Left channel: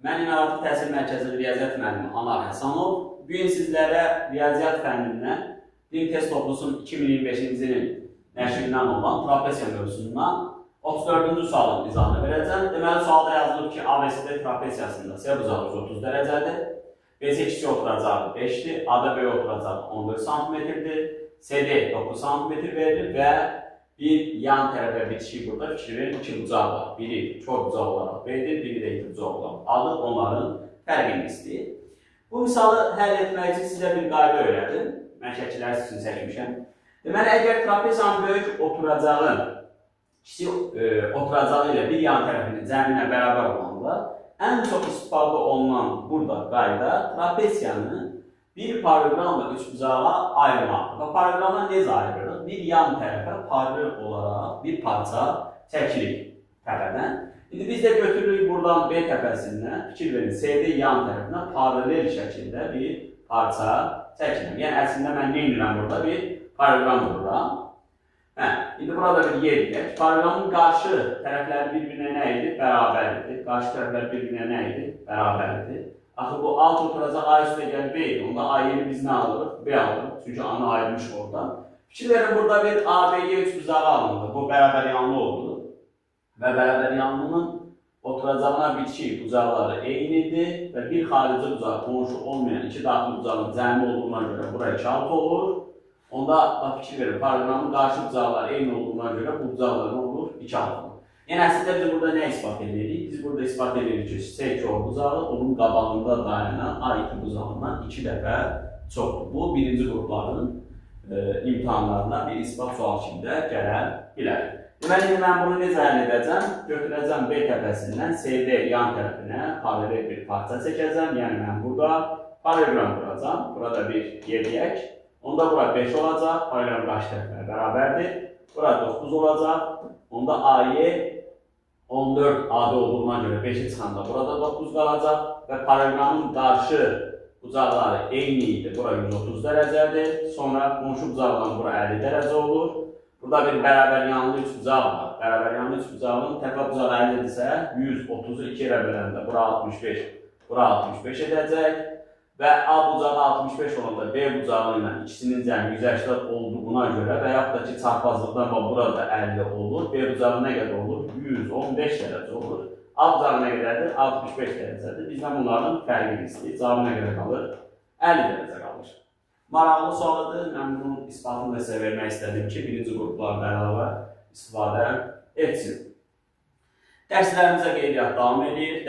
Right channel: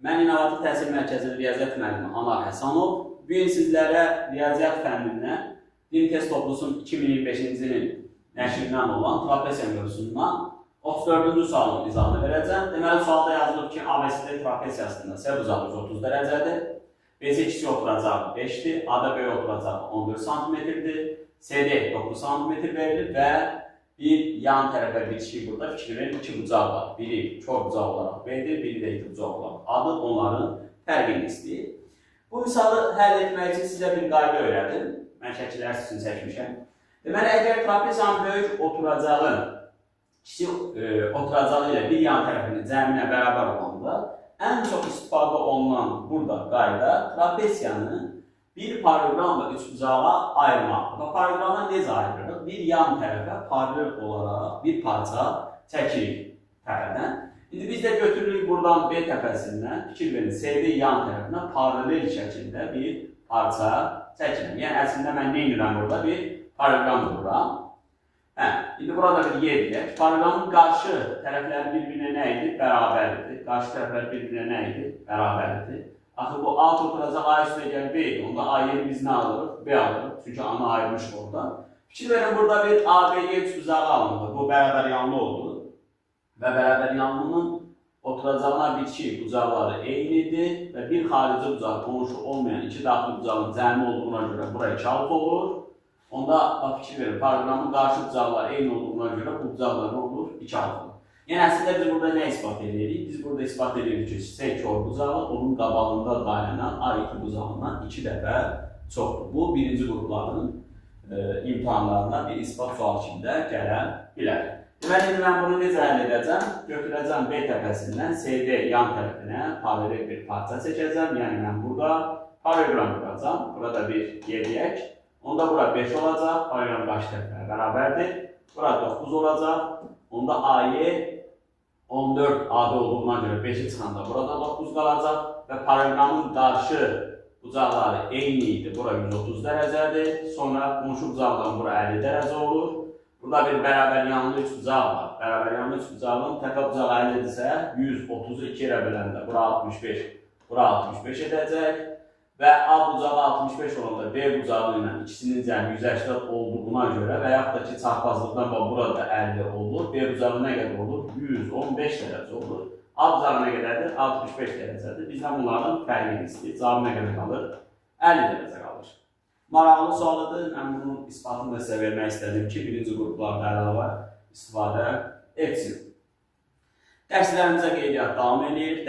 Mən İnovativ Təhsil Mərkəzi Riyaziyyat müəllimi Anar Həsənov. Bu gün sizlərə riyaziyyat fənnindən Din Test Toplusun 2025-ci ilin nəşrindən olan trapesiya mövzusundan 34-cü sualın izahını verəcəm. Deməli, sualda yazılıb ki, ABCD trapesiyasında S bucağı 130 dərəcədir, BC ikisi oturacağı 5-dir, AD B oturacağı 14 cm-dir, CD 9 cm verilir və bir yan tərəfə bitişik burada fikir verin, iki bucaq var. Biri kör bucaq olaraq B'dir, biri də iti bucaq olaraq A'dır, onların fərqini istəyir. Bu misalı həll etmək üçün sizə bir qayda öyrədim. Mən şəkillər sizin çəkmişəm. Deməli, əgər trapesiyanın böyük oturacağı, kiçik oturacağı ilə bir yan tərəfinin cəminə bərabər olanda, ən çox istifadə olunan burada qayda trapesiyanı bir paralelogramla üç bucağa ayırmaq. Və paralelogramdan necə ayırırıq? Bir yan tərəfə paralel olaraq bir parça çəkirik təpədən. İndi biz də götürürük buradan B təpəsindən, fikir verin, CD yan tərəfinə paralel şəkildə bir parça çəkirim. Yəni, əslində mən nə edirəm burada? Bir paralelogram vururam. İndi burada bir yer deyək. Paralelogramın qarşı tərəfləri bir-birinə nə idi? Bərabərdir. Qarşı tərəflər bir-birinə nə idi? Bərabərdir. Axı bu alt oturacaq A üstə gəl B idi. Onda A yeri biz nə alırıq? B alırıq. Çünki A-nı ayırmışıq oradan. Fikir verin, burada bir ABG üç bucağı alındı. Bu bərabər yanlı oldu. Və bərabər yanlının oturacağına bitişik bucaqları eynidir. Və bir xarici bucaq qonşu olmayan iki daxili bucağın cəmi olduğuna görə bura 2 alt olur. Onda fikir verin, paralelogramın qarşı bucaqları eyni olduğuna görə bu bucaqlar olur? 2 alt olur. Yəni, əslində biz burada nə ispat edirik? Biz burada ispat edirik ki, S kör bucağı onun qabağında dayanan A2 bucağından 2 dəfə çoxdur. Bu, birinci qrupların imtahanlarına bir ispat sual kimdə gələ bilər. Deməli, mən bunu necə həll edəcəm? Götürəcəm B təpəsindən CD yan tərəfinə paralel bir parça çəkəcəm. Yəni, mən burada paralelogram quracam. Burada bir yeriyək. Onda bura 5 olacaq. Paralelogram qarşı tərəfinə bərabərdir. Bura 9 olacaq. Onda A'yı 14 AD olduğuna görə 5'i çıxanda burada 9 qalacaq və paralelogramın qarşı bucaqları eyni idi. Bura 130 dərəcədir. Sonra qonşu bucaqdan bura 50 dərəcə olur. Burada bir bərabər yanlı 3 bucaq var. Bərabər yanlı 3 bucağın təpə bucağı 50-dirsə 130'u 2 yerə böləndə bura 65, bura 65 edəcək. Və A bucağı 65 olanda B bucağı ilə ikisinin cəmi 180 olduğuna görə və yaxud da ki, çarpazlıqdan burada 50 olur. B bucağı nə qədər olur? 115 dərəcə olur. A bucağı nə qədərdir? 65 dərəcədir. Bizdən bunların fərqini istəyir. Cavabı nə qədər qalır? 50 dərəcə qalır. Maraqlı sualıdır. Mən bunun isbatını da sizə vermək istədim ki, birinci qruplarda əlavə istifadə etsin. Dərslərimizə qeydiyyat davam edir.